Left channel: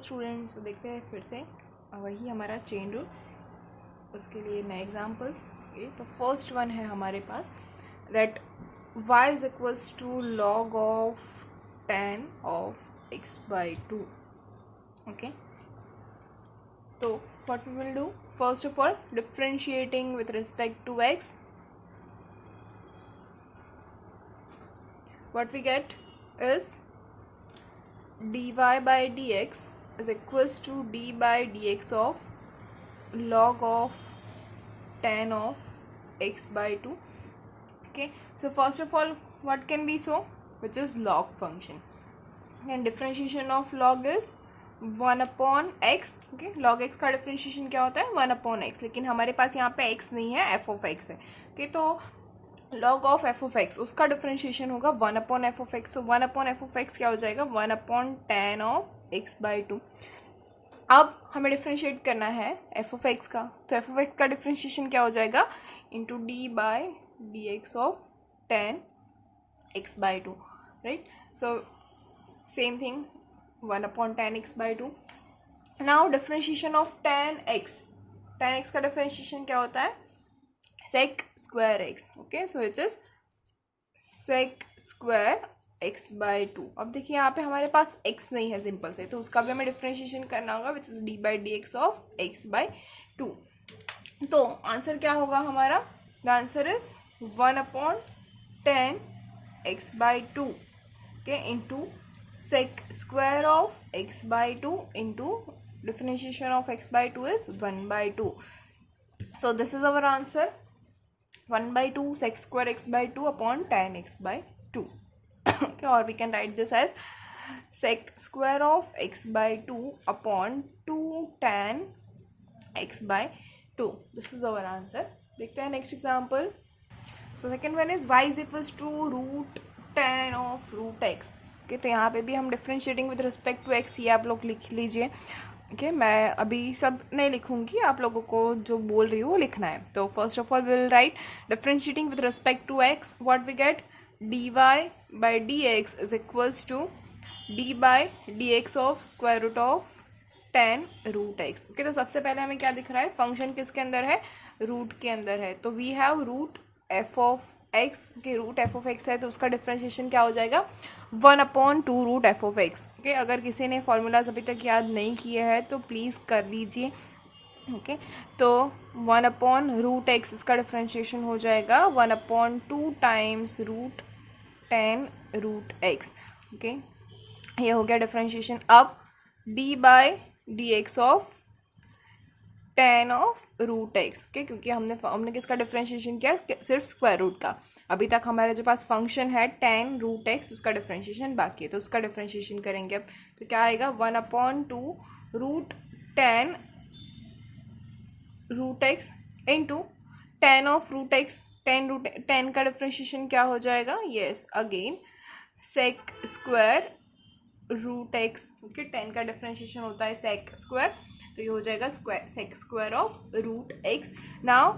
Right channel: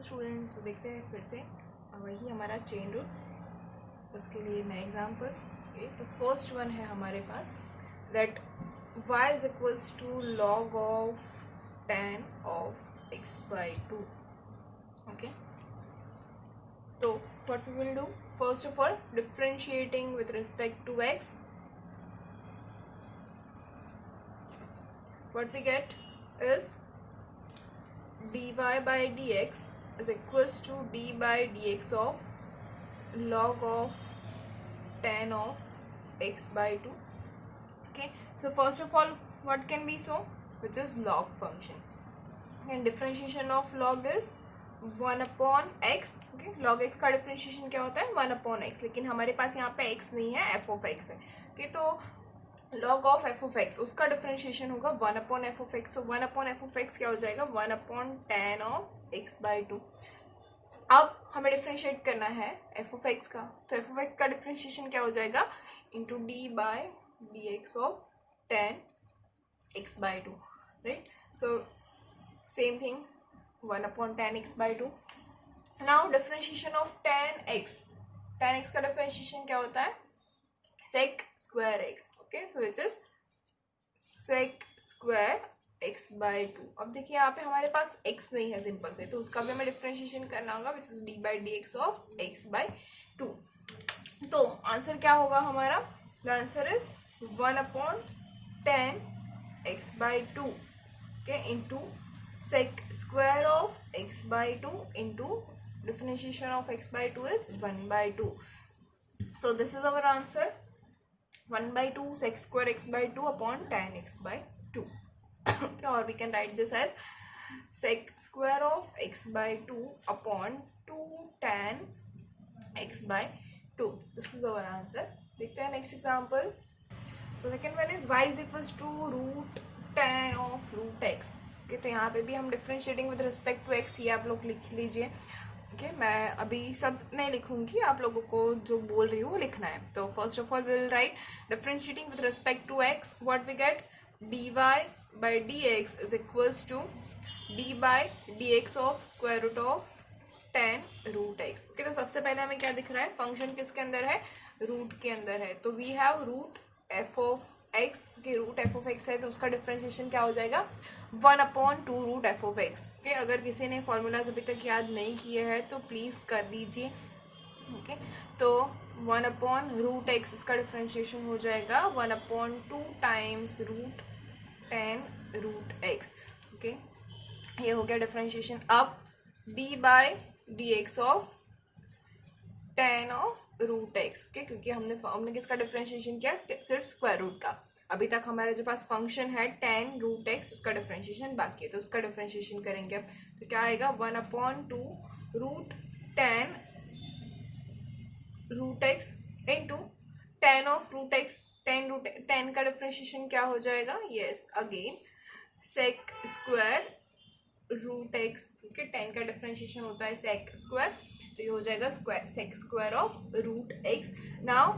Students, तो देखते हैं फिर से वही हमारा चेन रूल, उसके लिए नए एग्जांपल्स। ओके, तो फर्स्ट वन है हमारे पास that y is equals to log of tan of x by 2. Okay, तो what we will do, first of all differentiating with respect to x, what we get is dy by dx is equals to d by dx of log of tan of x by 2. Okay, so first of all what can be so, which is log function, and differentiation of log is 1 upon x. Okay, log x का differentiation क्या होता है 1 upon x, लेकिन हमारे पास यहाँ पे x नहीं है, f of x है. Okay, तो log of f of x उसका डिफ्रेंशिएशन होगा 1 upon f of x. so 1 upon f of x क्या हो जाएगा 1 upon tan of x by 2. अब हमें डिफ्रेंशिएट करना है f of x का, तो f of x का डिफ्रेंशिएशन क्या हो जाएगा into d by d x of tan x by 2, right. So same thing 1 upon tan x by 2. Now differentiation of tan x का differentiation क्या होता है sec square x. Okay, so it is sec square x by 2. अब देखिए यहाँ पे हमारे पास x नहीं है सिंपल से, तो उसका भी हमें डिफ्रेंशिएशन करना होगा which is d by dx of x by 2. तो आंसर क्या होगा हमारा, the answer is 1 upon tan x by 2, okay, into sec square of x by 2 into differentiation of x by 2 is 1 by 2. So this is our answer, 1 by 2 sec square x by 2 upon tan x by 2. Okay, or we can write this as sec square of x by 2 upon 2 tan x by 2. This is our answer. देखते हैं next example. So second one is y is equals to root tan of root x. Okay, तो यहाँ पे भी हम differentiating with respect to x, ये आप लोग लिख लीजिए. ओके, मैं अभी सब नहीं लिखूंगी, आप लोगों को जो बोल रही हूँ वो लिखना है. तो first of all will write differentiating with respect to x, what we get d y by d x is equals to d by d x of square root of tan root x. Okay, तो सबसे पहले हमें क्या दिख रहा है, function किसके अंदर है, रूट के अंदर है. तो we have root f of x, के रूट एफ ऑफ एक्स है, तो उसका डिफ्रेंशिएशन क्या हो जाएगा 1 upon 2 root f of x. Okay, अगर किसी ने फॉर्मूलाज अभी तक याद नहीं किए हैं तो प्लीज़ कर लीजिए. ओके, तो 1 upon रूट एक्स उसका डिफ्रेंशिएशन हो जाएगा 1 upon 2 times root 10 root x. Okay, ये हो गया डिफ्रेंशिएशन. अब d by d x of tan of root x. Okay, क्योंकि हमने किसका डिफ्रेंशिएशन किया, सिर्फ स्क्वायर रूट का. अभी तक हमारे जो पास फंक्शन है tan रूट एक्स, उसका डिफ्रेंशिएशन बाकी है, तो उसका डिफ्रेंशिएशन करेंगे अब. तो क्या आएगा 1 upon 2 root 10 root x into tan of root x. 10 का डिफ्रेंशिएशन क्या हो जाएगा, yes again sec square root x. Okay, 10 का डिफ्रेंशिएशन होता है सेक स्क्वायर, तो ये हो जाएगा sec square of root x. Now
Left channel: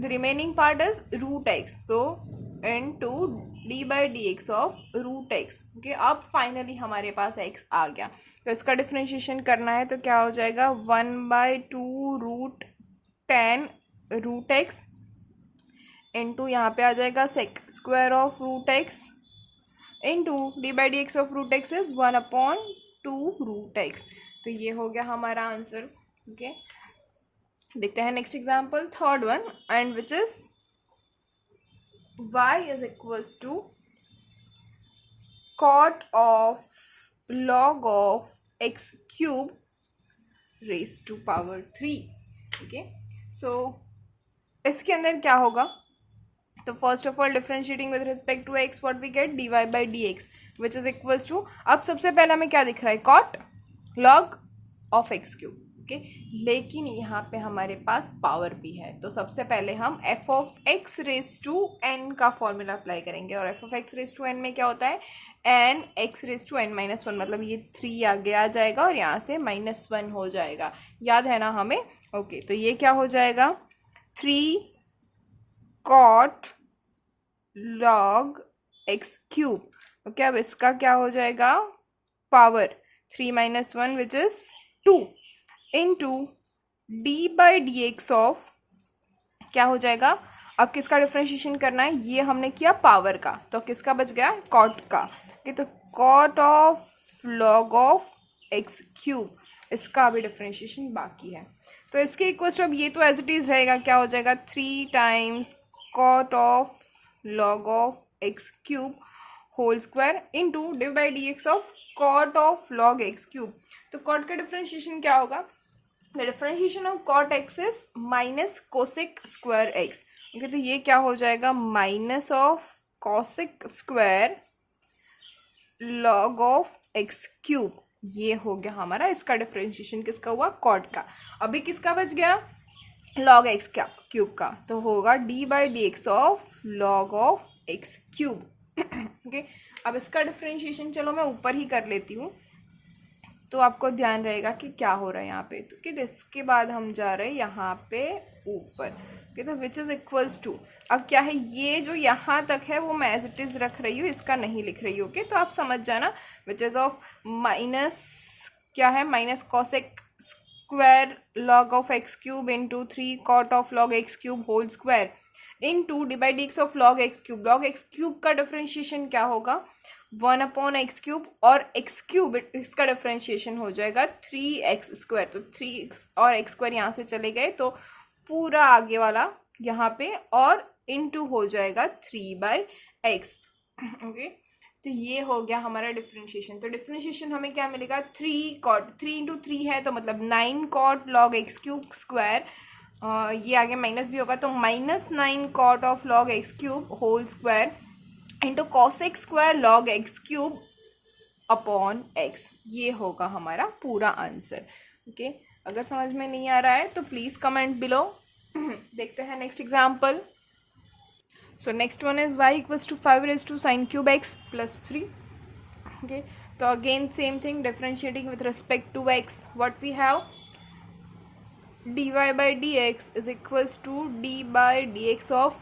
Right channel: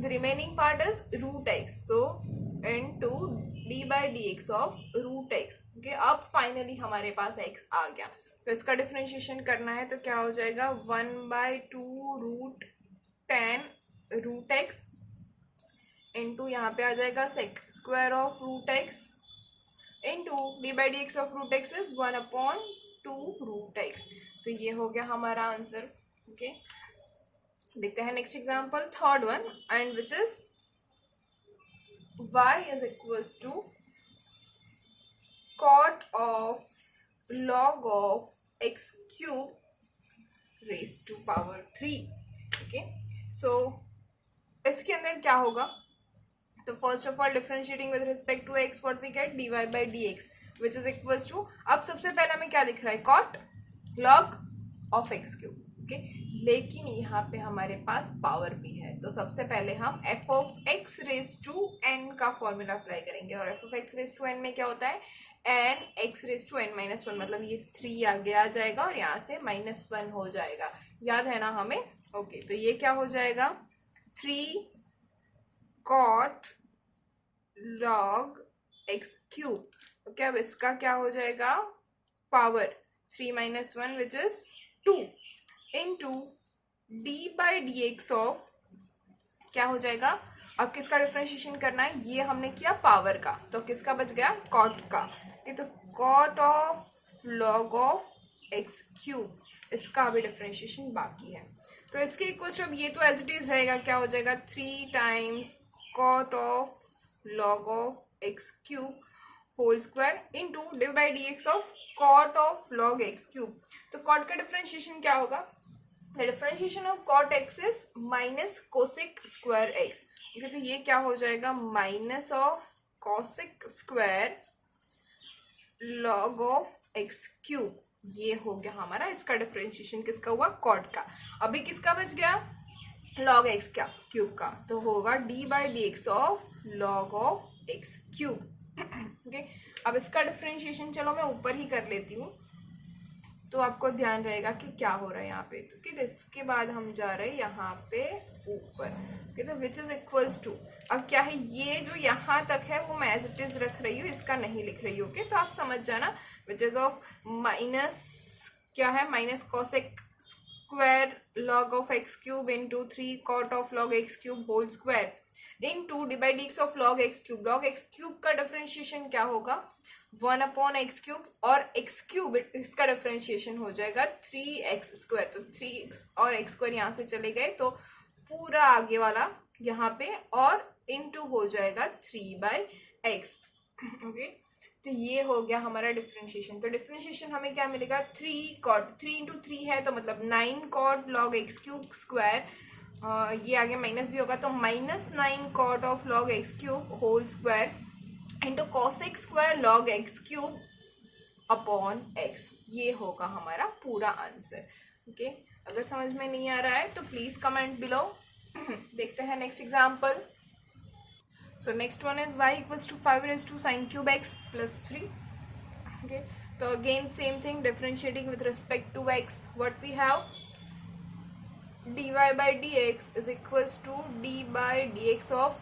the remaining part is root x, so into d by d x of root x. Okay, अब finally हमारे पास एक्स आ गया, तो इसका डिफ्रेंशिएशन करना है, तो क्या हो जाएगा 1 by 2 root 10 root x into यहाँ पे आ जाएगा sec square of root x into d by d x of root x is 1 upon 2 root x. तो ये हो गया हमारा आंसर. ओके, देखते हैं next example, third one, and which is y is equals to cot of log of x cube raised to power 3. Okay, so इसके अंदर क्या होगा, तो first of all differentiating with respect to x, what we get d y by d x which is equals to, अब सबसे पहले हमें क्या दिख रहा है cot log of x cube. Okay, लेकिन यहाँ पे हमारे पास पावर भी है, तो सबसे पहले हम f of x raise to n का फॉर्मूला अप्लाई करेंगे. और f of x raise to n में क्या होता है, n x raise to n minus one, मतलब ये 3 आगे आ जाएगा और यहाँ से -1 हो जाएगा, याद है ना हमें. ओके, तो ये क्या हो जाएगा 3 cot log x cube. Okay, अब इसका क्या हो जाएगा power, 3 minus 1 which is 2 into d by dx of, क्या हो जाएगा, अब किसका डिफ्रेंशिएशन करना है, ये हमने किया पावर का, तो किसका बच गया, कॉट का, ओके, तो cot of log of x cube, इसका अभी डिफ्रेंशिएशन बाकी है। तो इसके इक्वल टू अब ये तो एज इट इज रहेगा, क्या हो जाएगा 3 times cot of log of x cube whole square into d by d x of cot of log x cube. तो कॉट का डिफ्रेंशिएशन क्या होगा, the differentiation of cot x is minus cosec square x, okay, तो ये क्या हो जाएगा, minus of cosec square log of x cube, ये हो गया हमारा इसका डिफ्रेंशिएशन, किसका हुआ, कॉट का। अभी किसका बच गया, लॉग एक्स क्यूब का, तो होगा D by d x of log of x cube, okay. अब इसका डिफ्रेंशिएशन चलो मैं ऊपर ही कर लेती हूँ, तो आपको ध्यान रहेगा कि क्या हो रहा है यहाँ पे, तो कि इसके बाद हम जा रहे हैं यहाँ पे ऊपर, ओके, तो विच इज इक्वल्स टू, अब क्या है, ये जो यहाँ तक है वो मैं एज इट इज रख रही हूँ, इसका नहीं लिख रही हूँ, ओके, तो आप समझ जाना, विच इज ऑफ माइनस, क्या है, minus cosec square log of x cube into 3 cot of log x cube whole square into d by d x of log x cube. Log x cube का differentiation क्या होगा, 1 upon x cube, और x cube इसका differentiation हो जाएगा 3x square, तो 3x और x square यहाँ से चले गए, तो पूरा आगे वाला यहाँ पे और इनटू हो जाएगा 3/x, ओके, तो ये हो गया हमारा डिफ्रेंशिएशन। तो डिफ्रेंशिएशन हमें क्या मिलेगा, 3 कॉट, 3 इंटू 3 है तो मतलब 9 cot log x cube square, ये आगे माइनस भी होगा, तो -9 cot of log x cube whole square into cosec square log x cube upon x, ये होगा हमारा पूरा आंसर, ओके। अगर समझ में नहीं आ रहा है तो प्लीज कमेंट बिलो। देखते हैं next example. So next one is y equals to 5 raise to sine cube x plus 3, okay, तो again same thing, differentiating with respect to x, what we have, dy by dx is equals to d by dx of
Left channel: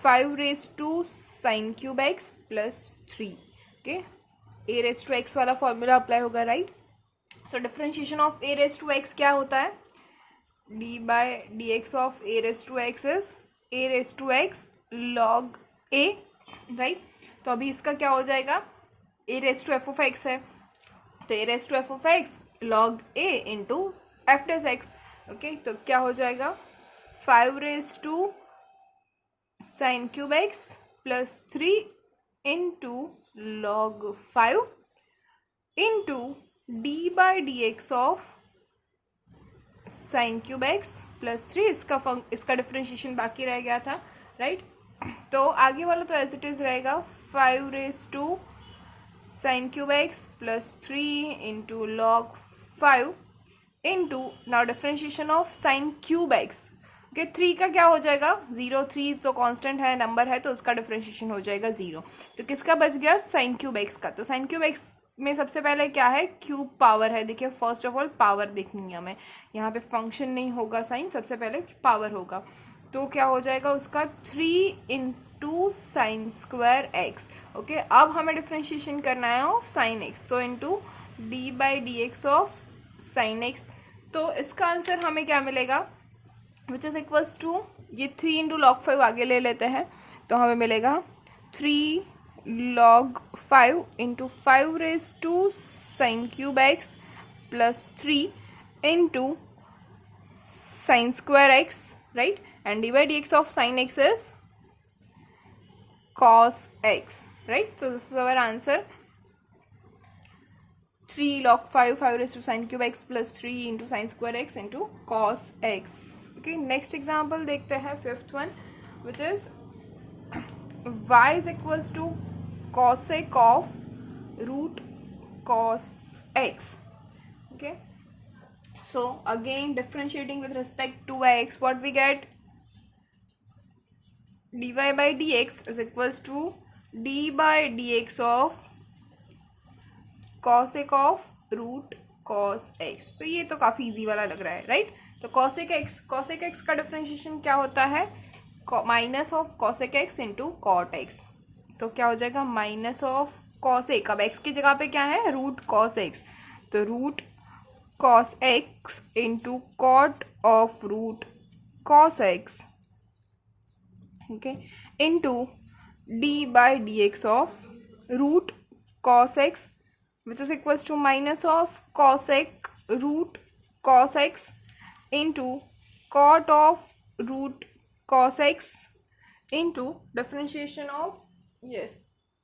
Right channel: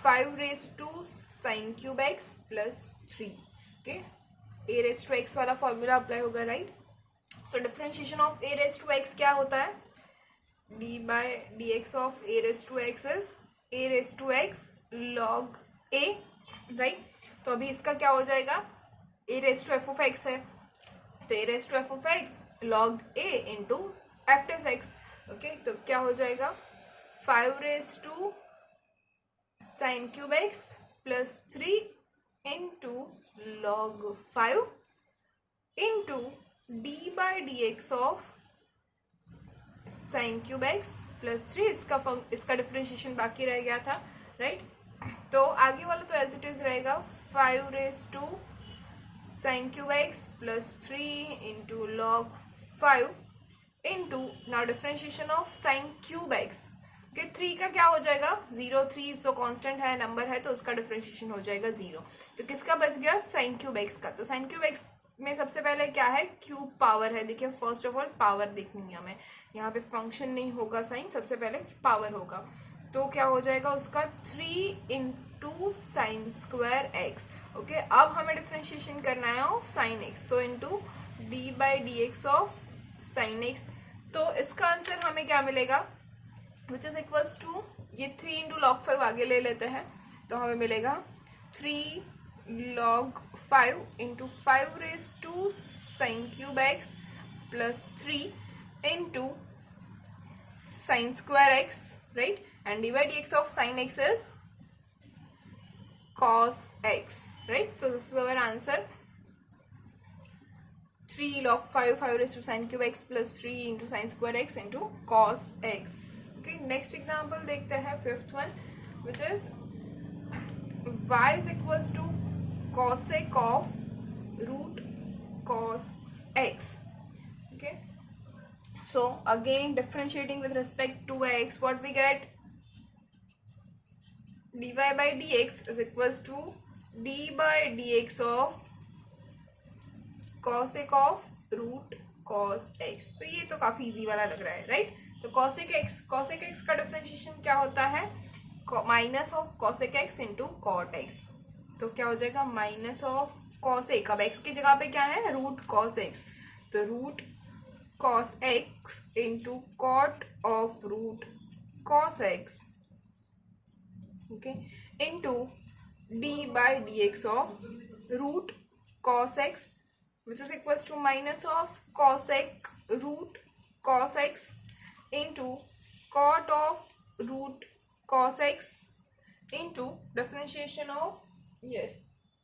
5 raised to sin cube x plus 3, okay, a raised to x वाला formula apply होगा, right. So differentiation of a raised to x क्या होता है, d by dx of a raised to x is a raised to x log a, right. तो अभी इसका क्या हो जाएगा, a raised to f of x है, तो a raised to f of x log a into f dash x, okay, तो क्या हो जाएगा 5 raised to sin cube x plus 3 into log 5 into d by dx of sin cube x plus 3, इसका differentiation बाकी रह गया था, right. तो आगे वाला तो एज इट इज रहेगा 5 raised to sin cube x plus 3 into log 5 into now differentiation of sin cube x, okay, 3 का क्या हो जाएगा 0, 3 तो कांस्टेंट है, नंबर है, तो उसका डिफरेंशिएशन हो जाएगा 0, तो किसका बच गया, sin cube x का। तो sin cube x में सबसे पहले क्या है, क्यूब पावर है, देखिए फर्स्ट ऑफ ऑल पावर देखनी है हमें, यहाँ पे फंक्शन नहीं होगा साइन, सबसे पहले पावर होगा, तो क्या हो जाएगा उसका 3 into sine square x, okay. अब हमें डिफरेंशिएशन करना है ऑफ साइन एक्स, तो into d by d x of sine x, तो इसका आंसर हमें क्या मिलेगा, विच इज इक्वल्स टू, ये 3 इंटू लॉग 5 आगे ले लेते हैं, तो हमें मिलेगा 3 log 5 into 5 raised to sin cube x plus 3 into sin square x, right, and d by dx of sin x is cos x, right, so this is our answer, 3 log 5 raised to sin cube x plus 3 into sin square x into cos x, okay। next example देखते हैं, fifth one, which is y is equals to cosec of root cos x, okay, so again differentiating with respect to x, what we get, dy by dx is equals to d by dx of cosec of root cos x, तो ये तो काफी easy वाला लग रहा है, right. तो cosec x का डिफरेंशिएशन क्या होता है, minus of cosec x into cot x, तो क्या हो जाएगा माइनस ऑफ कॉस ए, अब एक्स की जगह पे क्या है, रूट कॉस एक्स, तो root cos x into cot of root cos x, okay, into d by d x of root cos x which is equals to minus of cos x root cos x into cot of root cos x into differentiation of, yes,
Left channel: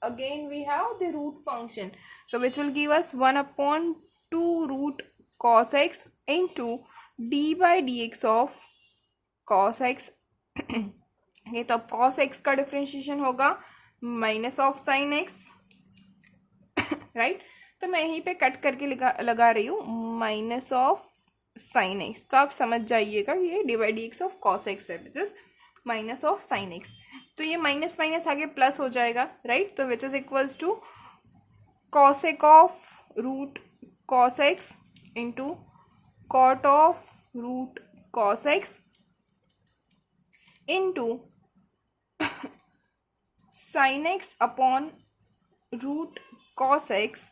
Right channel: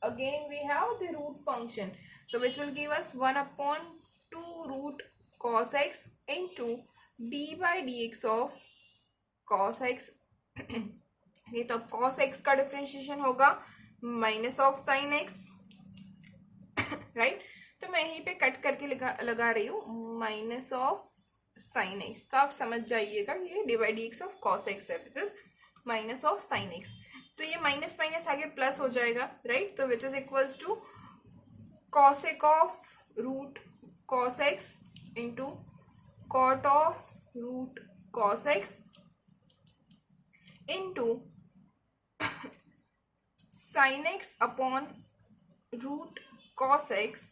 again we have the root function, so which will give us 1 upon 2 root cos x into d by dx of cos x ये तो cos x का differentiation होगा minus of sign x, right, तो मैं यहीं पे cut करके लगा रही हूँ माइनस ऑफ साइन एक्स, तो आप समझ जाइएगा ये divide d x of cos x है which is minus of sine x, तो ये माइनस माइनस आगे प्लस हो जाएगा, राइट, तो which is equals to cosec of root cos x into cot of root cos x into sine x upon root cos x,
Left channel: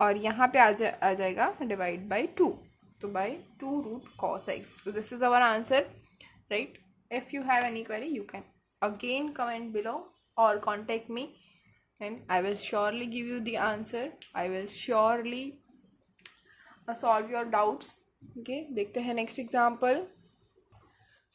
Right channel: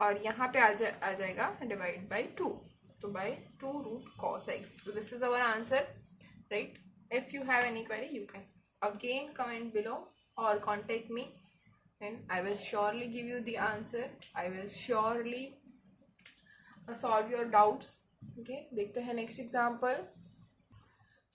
और यहाँ पे आ जाएगा डिवाइड बाई 2, तो by 2 root cos x, so this is our answer, right? If you have any query you can again comment below or contact me and I will surely give you the answer, I will surely solve your doubts, okay? देखते हैं next example.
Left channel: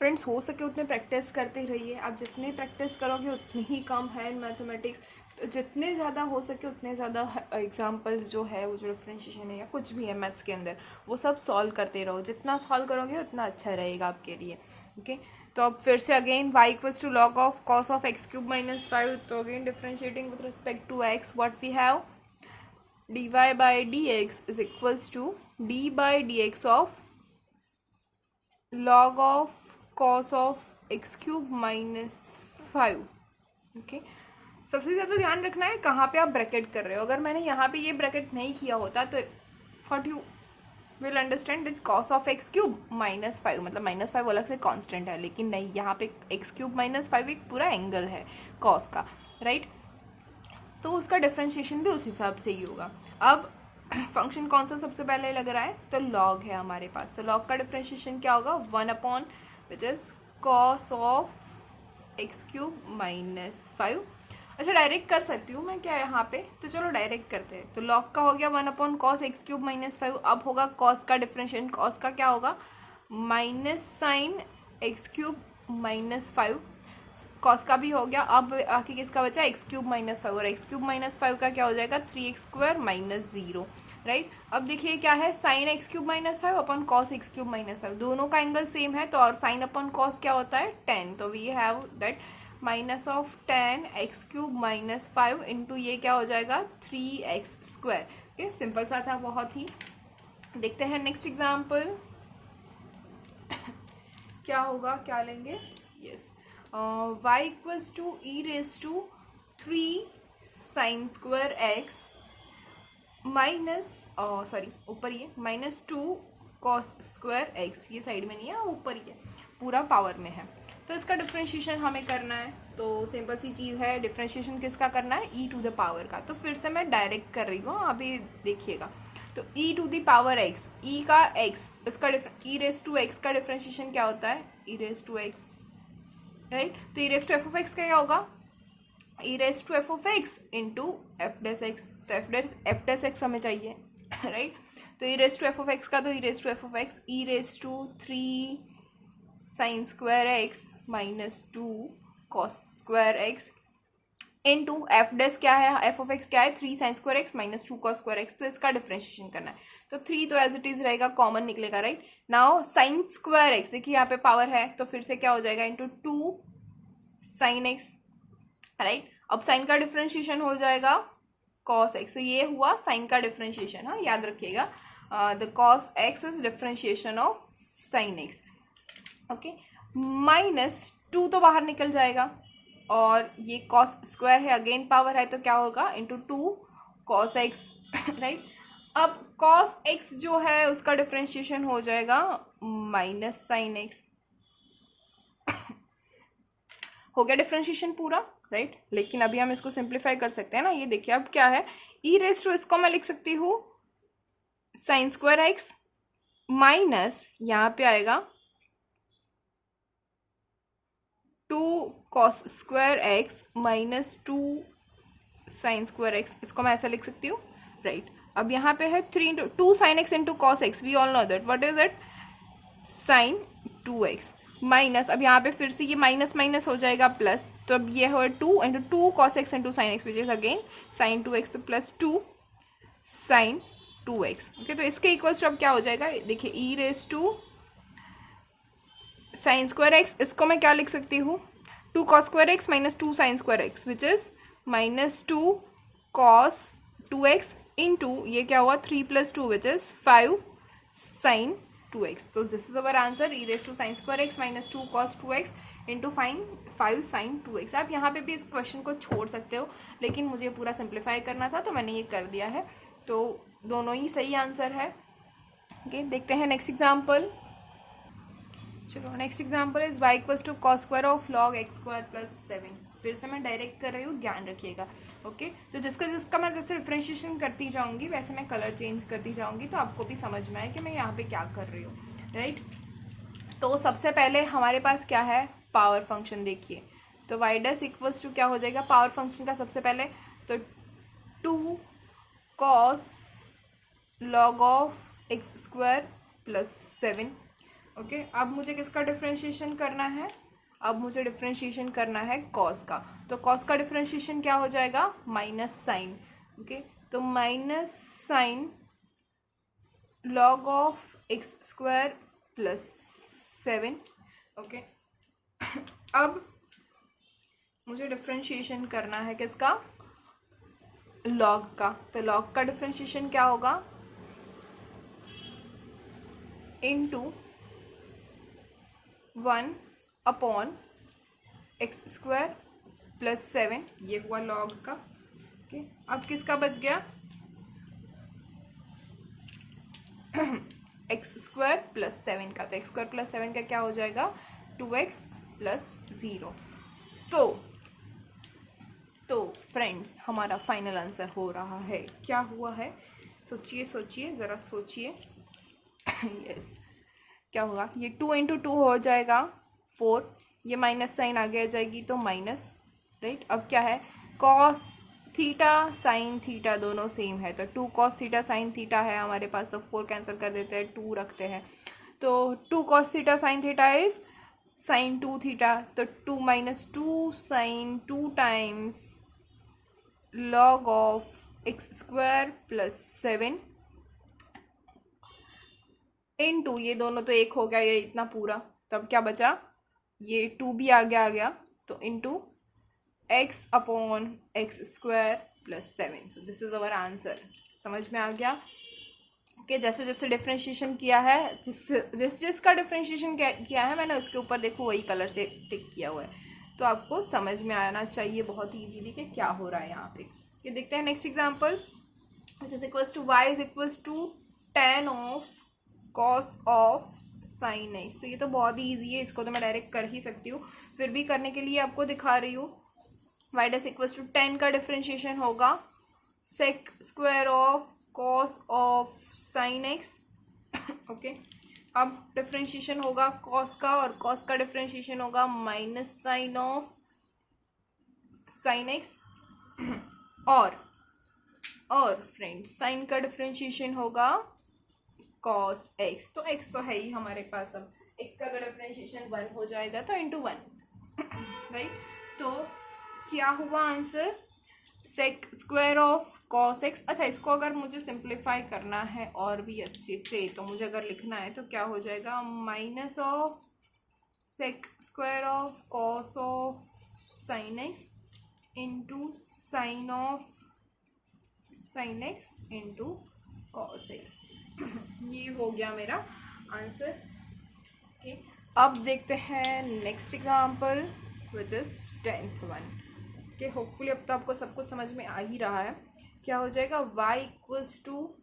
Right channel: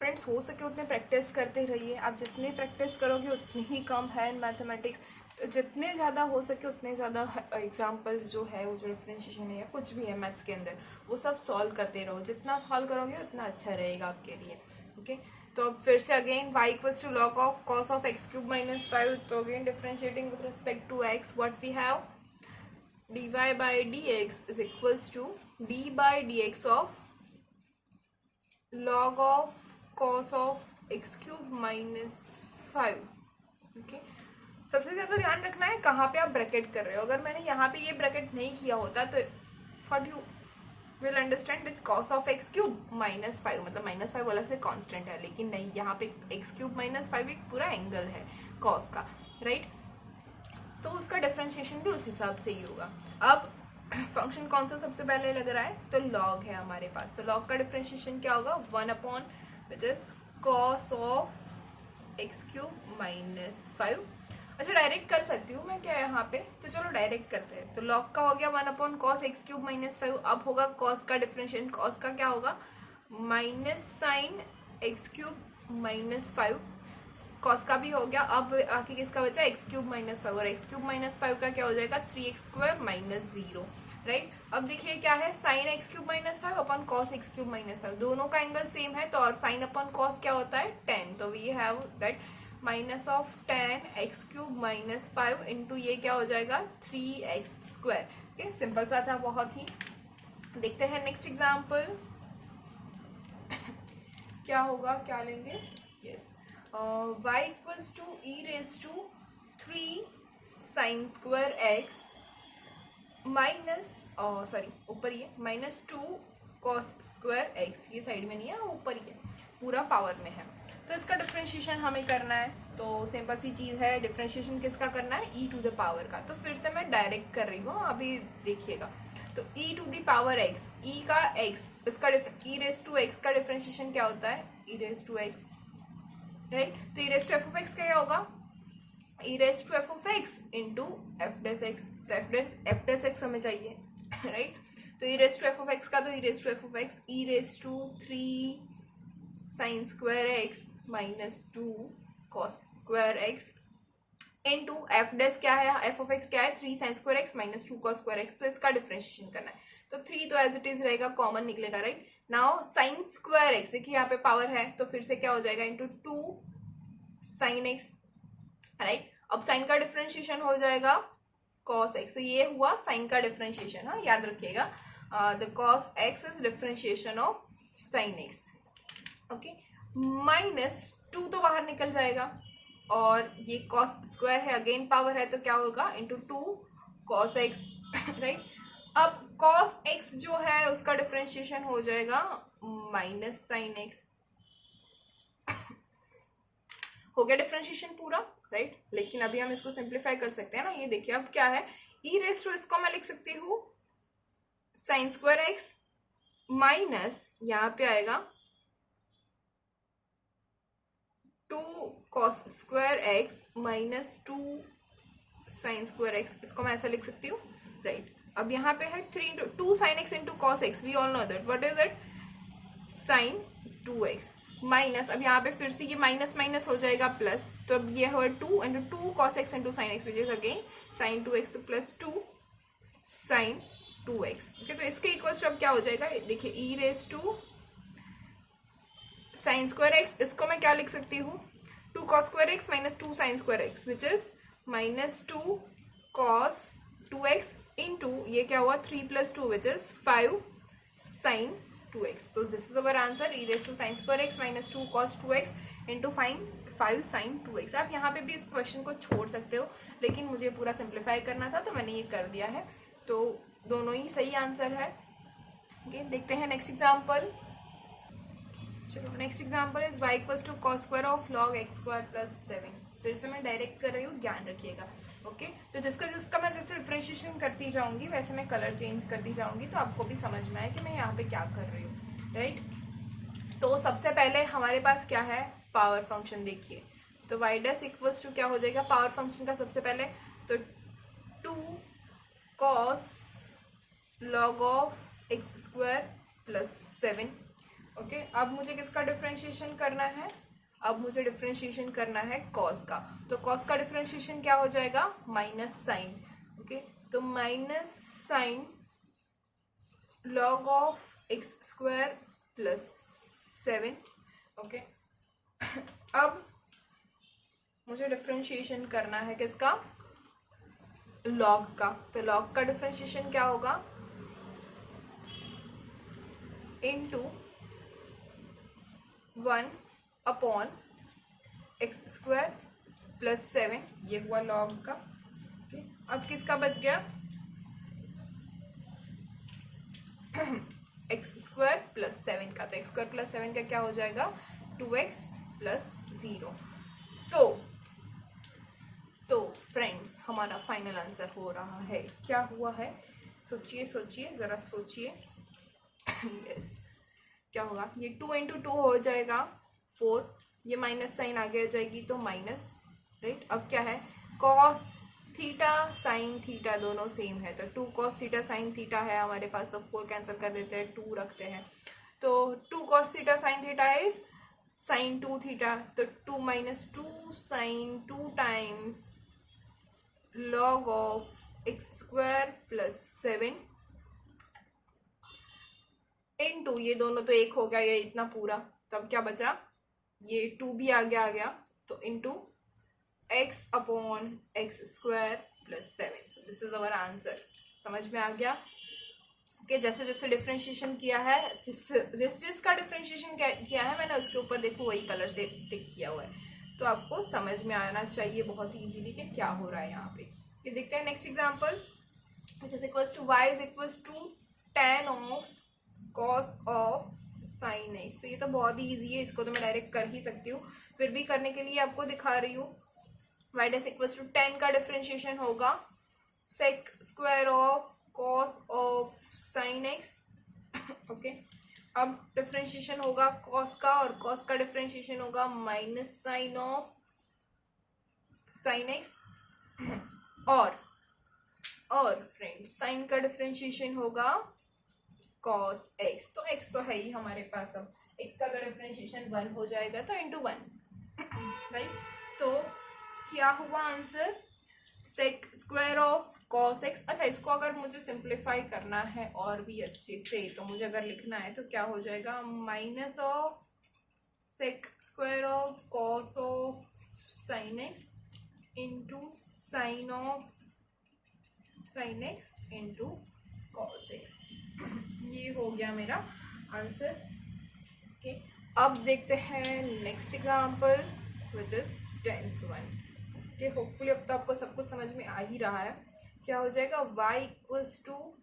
Friends हो सके उतने practice करते रहिए, आप जितने practice करोगे उतनी ही कम है मैथमेटिक्स, तो जितने ज़्यादा हो सके उतने ज़्यादा एग्जाम्पल्स जो है, वो जो डिफरेंशिएशन है या कुछ भी है मैथ्स के अंदर, वो सब सॉल्व करते रहो, जितना सॉल्व करोगे उतना अच्छा रहेगा आपके लिए, ओके? तो अब फिर से again y equals to log of cos of x cube minus 5, तो again differentiating with respect to x, what we have, dy by d x is equals to d by d x of log of cos of x cube minus 5, okay? सबसे ज़्यादा ध्यान रखना है कहाँ पे आप bracket कर रहे हो, अगर मैंने यहाँ पे ये ब्रैकेट नहीं किया होता तो what you will understand that cos of x cube minus 5, मतलब माइनस 5 अलग से कांस्टेंट है, लेकिन नहीं, यहाँ पे एक्स क्यूब माइनस 5 एक पूरा एंगल है cos का, राइट, तो उसका डिफरेंशिएशन भी उस हिसाब से ही होगा। अब फंक्शन कौन सा सबसे पहले लग रहा है, तो log है हमारे पास, तो log का डिफरेंशिएशन क्या होगा, 1 upon which is cos of x cube minus 5, अच्छा डायरेक्ट कर सकती हूँ मैं क्या यहाँ पे, तो चलो डायरेक्ट करते हैं, तो log का हो गया 1 upon cos x cube minus 5, अब होगा cos का डिफरेंशिएशन, cos का क्या होगा, minus sine x cube minus 5, cos का भी हो गया, अब आखिर किसका बचा, एक्स क्यूब माइनस 5, और एक्स क्यूब माइनस 5 का क्या हो जाएगा, 3x स्क्वायर माइनस 0, राइट। अब देखिए क्या है, sine x cube minus 5 upon cos x cube minus 5, दोनों का एंगल सेम है, तो और साइन अपॉन कॉस क्या होता है 10, तो we have that minus of 10 x cube minus 5 into ये क्या हो जाएगा 3x स्क्वायर, ओके, सिंपल सा था बहुत ही। देखते हैं नेक्स्ट एग्जाम्पल क्या होगा, क्या लेंगे, yes, y equals to e raise to 3 sine square x minus sorry ऊपर ये माइनस 2 कॉस स्क्वायर एक्स, ये साइड में नहीं है ऊपर ही है, पूरा पावर में है, तो इसका डिफरेंशिएशन हमें करना है, तो सिंपल सी चीज़ है, डिफरेंशिएशन किसका करना है, e टू द पावर का, तो फिर से मैं डायरेक्ट कर रही हूँ, अभी देखिएगा, तो e to the power x, e का x, इसका e रेज टू x का डिफरेंशिएशन क्या होता है, e raise to x, right, तो e raise to f of x का क्या होगा, e raise to f of x into f dash x, तो f डैश x हमें चाहिए, राइट, तो e raise to f of x का, तो e raise to f of x, e raise to 3 sine square x minus 2 cos square x into f dash क्या है, f of x क्या है 3 sine square x minus 2 cos square x, तो इसका differentiation करना है, तो 3 तो एज इट इज रहेगा, कॉमन निकलेगा, right. Now sine square x, देखिए यहाँ पे पावर है, तो फिर से क्या हो जाएगा इंटू 2 साइन एक्स, राइट, अब साइन का डिफरेंशिएशन हो जाएगा कॉस एक्स, तो ये हुआ साइन का डिफरेंशिएशन, हाँ याद रखिएगा, the cos x is differentiation of sine x, okay, minus 2 तो बाहर निकल जाएगा, और ये कॉस स्क्वायर है, अगेन पावर है, तो क्या होगा इंटू 2 कॉस एक्स, राइट। अब कॉस एक्स जो है उसका डिफरेंशिएशन हो जाएगा माइनस साइन एक्स, हो गया डिफरेंशिएशन पूरा, राइट। लेकिन अभी हम इसको सिंप्लीफाई कर सकते हैं ना। ये देखिए अब क्या है, ई रेस टू, इसको मैं लिख सकती हूँ साइन स्क्वायर एक्स माइनस यहाँ पे आएगा 2 cos square x minus 2 sine square x, इसको मैं ऐसा लिख सकती हूँ, राइट। अब यहाँ पे है 2 sine x into cos x, we all know that what is that, sine 2x minus, अब यहाँ पे फिर से ये माइनस माइनस हो जाएगा प्लस, तो अब ये हो 2 into 2 cos x into sine x which is again sine 2x plus 2 sine 2x। Okay, तो इसके इक्वल्स टू अब क्या हो जाएगा, देखिए e raise to sine square x, इसको मैं क्या लिख सकती हूँ 2 cos square x minus 2 sine square x which is minus 2 cos 2x into ये क्या हुआ 3 plus 2 which is 5 sine 2x। तो this is our answer, e raise to sine square x minus 2 cos 2x into 5 sine 2x। आप यहाँ पे भी इस question को छोड़ सकते हो, लेकिन मुझे पूरा सिंप्लीफाई करना था तो मैंने ये कर दिया है, तो दोनों ही सही आंसर है। ओके, देखते हैं नेक्स्ट एग्जाम्पल। चलो next example is y equals to cos square of log x square plus 7। फिर से मैं डायरेक्ट कर रही हूँ, ध्यान रखिएगा। ओके, तो जिसका मैं जैसे डिफरेंशिएशन करती जाऊंगी वैसे मैं कलर चेंज करती जाऊंगी, तो आपको भी समझ में आए कि मैं यहाँ पे क्या कर रही हूँ, राइट। तो सबसे पहले हमारे पास क्या है, पावर फंक्शन। देखिए तो y डैश इक्वल्स टू क्या हो जाएगा, पावर फंक्शन का सबसे पहले तो 2 cos log of x square plus 7। Okay, अब मुझे किसका डिफरेंशिएशन करना है, अब मुझे डिफरेंशिएशन करना है कॉस का। तो कॉस का डिफरेंशिएशन क्या हो जाएगा, माइनस साइन। ओके, तो minus sign log of x square plus 7। Okay, अब मुझे डिफरेंशिएशन करना है किसका, लॉग का। तो लॉग का डिफरेंशिएशन क्या होगा, into 1 upon x square plus 7, ये हुआ लॉग का। ओके, अब किसका बच गया, एक्स स्क्वायर प्लस 7 का। तो एक्स स्क्वायर प्लस 7 का क्या हो जाएगा 2x प्लस 0। तो फ्रेंड्स हमारा फाइनल आंसर हो रहा है, क्या हुआ है, सोचिए सोचिए ज़रा सोचिए। यस, क्या होगा, ये 2 इंटू 2 हो जाएगा 4, ये माइनस साइन आगे आ जाएगी तो माइनस, राइट। अब क्या है, कॉस थीटा साइन थीटा दोनों सेम है, तो 2 कॉस थीटा साइन थीटा है हमारे पास, तो 4 कैंसिल कर देते हैं, 2 रखते हैं। तो 2 cos theta sine theta is sine 2 theta, तो 2 minus 2 sine 2 times log of x square plus 7 into ये दोनों तो एक हो गया, ये इतना पूरा, तब क्या बचा, ये 2 भी आगे आ गया, तो into x upon x square plus 7। So this is our answer. समझ में आ गया कि जैसे जैसे डिफरेंशिएशन किया है, जिसका डिफरेंशिएशन किया है मैंने, उसके ऊपर देखो वही कलर से टिक किया हुआ है, तो आपको समझ में आना चाहिए बहुत ईजीली कि क्या हो रहा है यहाँ पे। ये देखते हैं next example, which is equals to y is equals to tan of cos of sin x। तो ये तो बहुत ही ईजी है, इसको तो मैं डायरेक्ट कर ही सकती हूँ, फिर भी करने के लिए आपको दिखा रही हूँ। y dash equals to tan का डिफरेंशिएशन होगा sec square of cos of sin x। Okay, अब डिफरेंशिएशन होगा cos का, और cos का डिफरेंशिएशन होगा minus sine of sin x। और फ्रेंड्स साइन का डिफरेंशिएशन होगा cos x। तो x तो है ही हमारे पास, अब x का अगर डिफरेंशिएशन 1 हो जाएगा तो इंटू 1, राइट। तो क्या हुआ answer, sec square of cos x। अच्छा, इसको अगर मुझे सिंप्लीफाई करना है और भी अच्छे से, तो मुझे अगर लिखना है तो क्या हो जाएगा, minus of sec square of cos of sin x into sine of sin x into cos x। ये हो गया मेरा आंसर। ओके, अब देखते हैं next example which is 10th one. Okay, hopefully अब तो आपको सब कुछ समझ में आ ही रहा है। क्या हो जाएगा, y equals to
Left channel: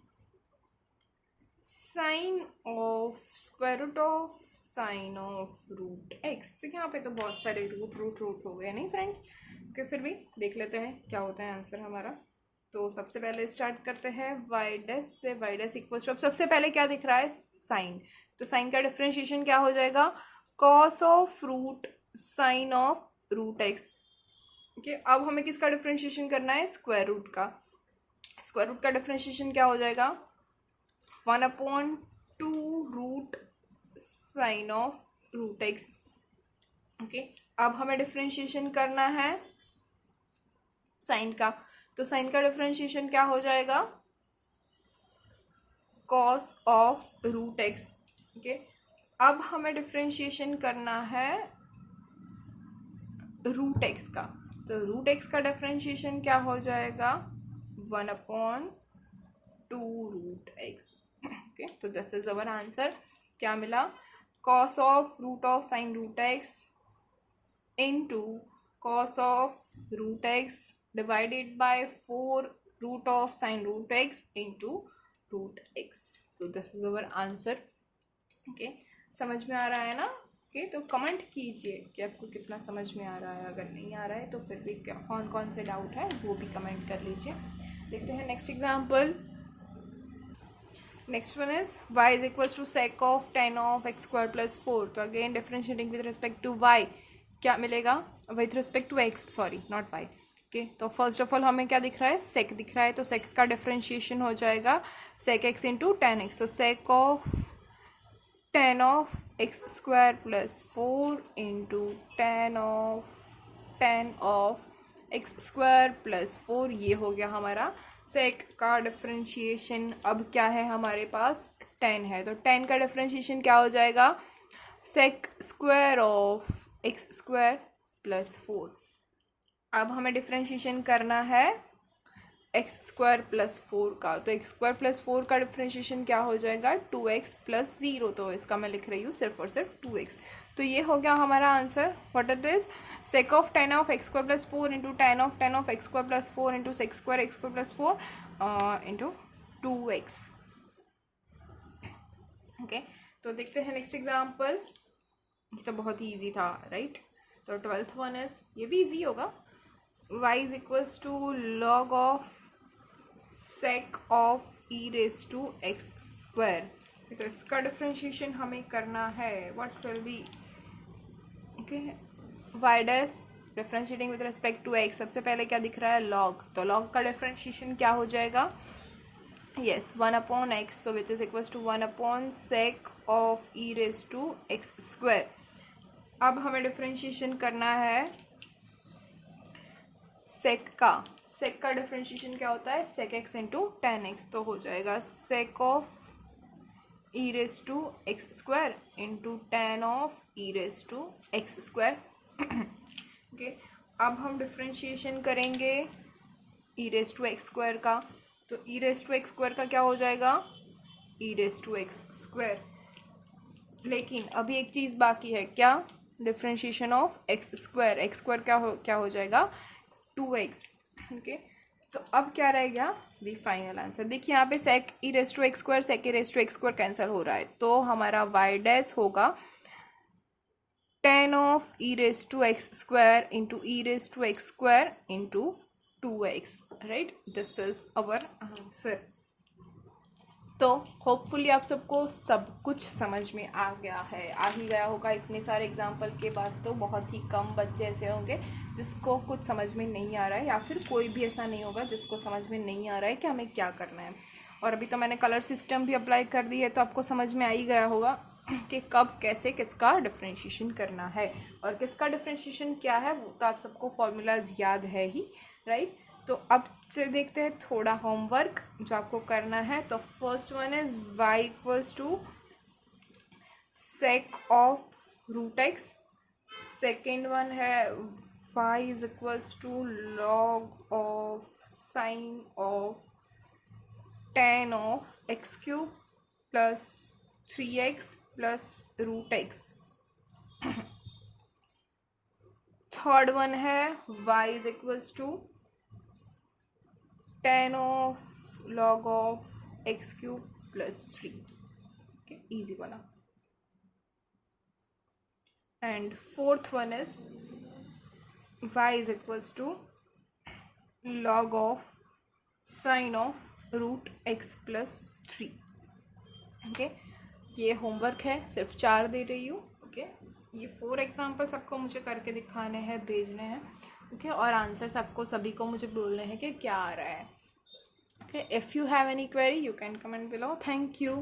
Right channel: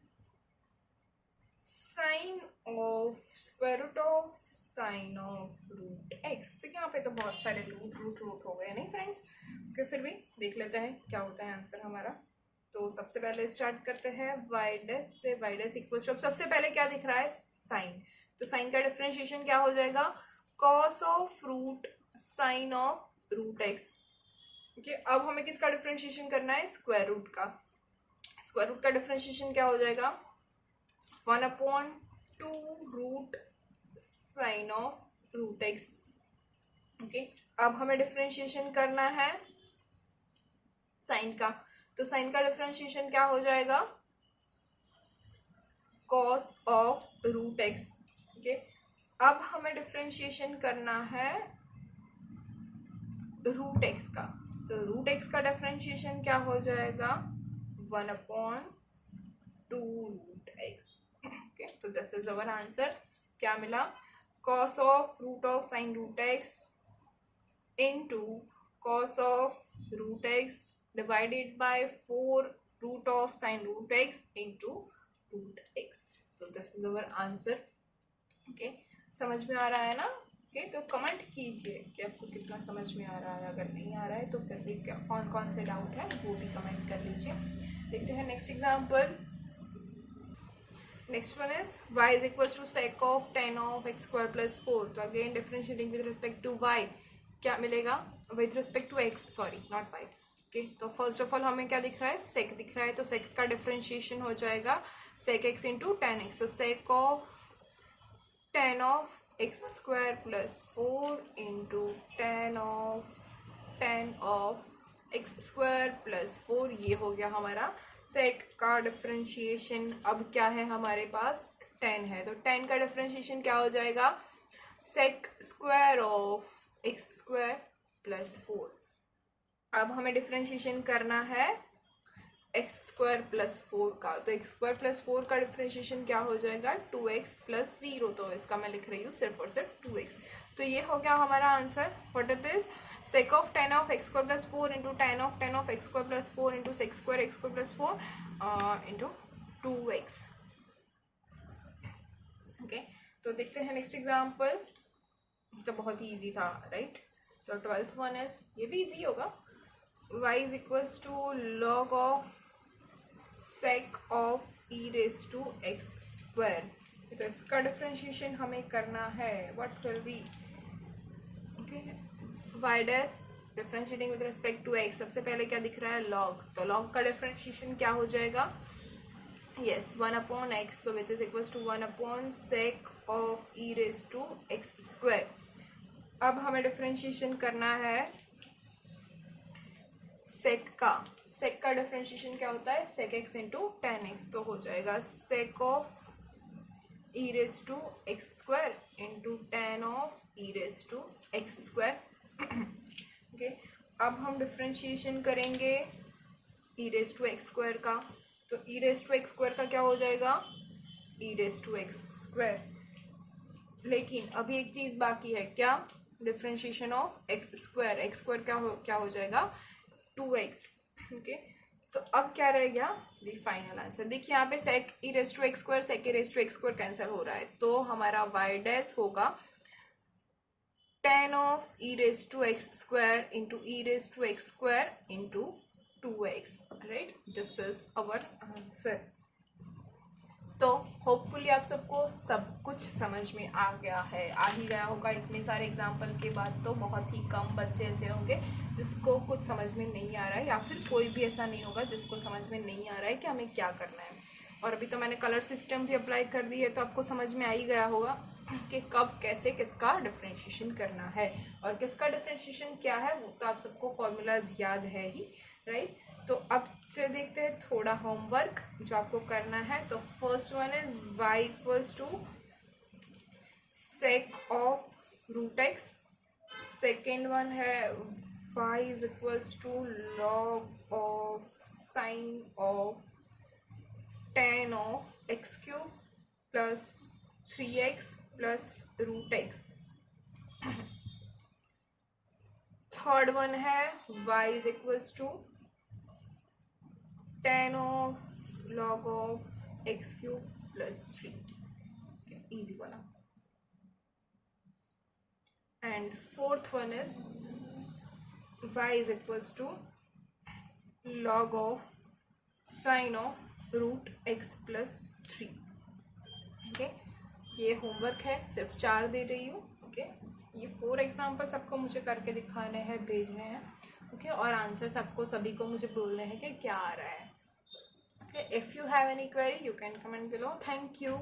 sine of square root of sine of root x. तो यहाँ पे तो बहुत सारे रूट रूट रूट हो गए नहीं फ्रेंड्स। ओके, फिर भी देख लेते हैं क्या होता है आंसर हमारा। तो सबसे पहले स्टार्ट करते हैं वाई डैश से। वाई डैश इक्वल टू, सबसे पहले क्या दिख रहा है, साइन। तो साइन का डिफरेंशिएशन क्या हो जाएगा, cos of root sine of root x. Okay, अब हमें किसका डिफरेंशिएशन करना है, स्क्वायर रूट का। स्क्वायर रूट का डिफरेंशिएशन क्या हो जाएगा, 1/2 root sine of root x. Okay, अब हमें डिफरेंशिएशन करना है साइन का। तो साइन का डिफरेंशिएशन क्या हो जाएगा, cos of root x. Okay, अब हमें डिफरेंशिएशन करना है रूट एक्स का। तो रूट एक्स का डिफरेंशिएशन क्या हो जाएगा, 1/2 रूट एक्स। ओके, तो दिस इज अवर आंसर। क्या मिला, cos of root of sine root x into cos of root x divided by 4 root of sine root x into root x. तो this is our answer. Okay, समझ में आ रहा है ना। Okay, तो comment कीजिए कि आपको कितना समझ में आ रहा है। अगर नहीं आ रहा है तो फिर भी कौन कौन से डाउट है वो भी कमेंट कर लीजिए। देखते हैं next example. Next one is y is equal to sec of 10 of x square plus 4। तो again differentiating with respect to y क्या मिलेगा, with respect to x, sorry not y। Okay, तो फर्स्ट ऑफ ऑल हमें क्या दिख रहा है, sec दिख रहा है। तो sec का डिफरेंशिएशन हो जाएगा sec x into ten x. तो sec of 10 of x square plus 4 into ten of x square plus 4, ये हो गया हमारा सेक का डिफरेंशिएशन। अब क्या है हमारे पास, 10 है। तो 10 का डिफरेंशिएशन क्या हो जाएगा, sec square of x square plus 4। अब हमें डिफरेंशिएशन करना है एक्स स्क्वायर प्लस 4 का। तो एक्स स्क्वायर प्लस 4 का डिफरेंशिएशन क्या हो जाएगा, 2x प्लस 0। तो इसका मैं लिख रही हूँ सिर्फ और सिर्फ 2x। तो ये हो गया हमारा answer. What it is, sec of 10 of x square plus 4 into ten of x square plus 4 into sec square x square plus 4 into 2x। Okay, तो देखते हैं नेक्स्ट एग्जाम्पल। तो बहुत ही ईजी था, राइट। तो 12th वन इज, ये भी easy होगा। y is equals to log of sec of e raise to x square. तो इसका डिफरेंशिएशन हमें करना है, what will be, okay, y dash differentiating with respect to x। सबसे पहले क्या दिख रहा है, log। तो log का डिफरेंशिएशन क्या हो जाएगा, yes 1/x, so which is equals to 1/sec of e raise to x square. अब हमें डिफरेंशिएशन करना है sec का। sec का डिफरेंशिएशन क्या होता है, sec x into ten x. तो हो जाएगा sec of e raise to x square into ten of e raise to x square. Okay, अब हम डिफरेंशिएशन करेंगे e raise to x square का। तो e raise to x square का क्या हो जाएगा, e raise to x square. लेकिन अभी एक चीज़ बाकी है, क्या, differentiation of x square. X square क्या हो जाएगा, 2x। ओके, तो अब क्या रह गया, दी फाइनल आंसर। देखिए यहाँ पे sec e raise to x square sec e raise to x square cancel हो रहा है। तो हमारा y डैश होगा 10 of e raise to x square into e raise to x square into 2x, right. This is our answer. तो hopefully आप सबको सब कुछ समझ में आ गया है, आ ही गया होगा। इतने सारे एग्जाम्पल के बाद तो बहुत ही कम बच्चे ऐसे होंगे जिसको कुछ समझ में नहीं आ रहा है, या फिर कोई भी ऐसा नहीं होगा जिसको समझ में नहीं आ रहा है कि हमें क्या करना है। और अभी तो मैंने कलर सिस्टम भी अप्लाई कर दी है, तो आपको समझ में आ ही गया होगा कि कब कैसे किसका डिफरेंशिएशन करना है और किसका डिफरेंशिएशन क्या है। वो तो आप सबको फॉर्मूलाज याद है ही, राइट। तो अब से देखते हैं थोड़ा होमवर्क जो आपको करना है। तो first one is y equals to sec of root x. Second one है y is equals to log of sine of 10 of x cube plus 3x plus root x. Third one है y is equals to 10 of log of x cube plus 3। Easy वाला. And fourth one is y is equals to log of sin of root x plus 3. Okay, ये homework है, सिर्फ 4 दे रही हूँ. Okay, ये 4 examples आपको मुझे करके दिखाने हैं, भेजने हैं. ओके, और आंसर्स आपको सभी को मुझे बोलने हैं कि क्या आ रहा है. Okay, if you have any query you can comment below. Thank you.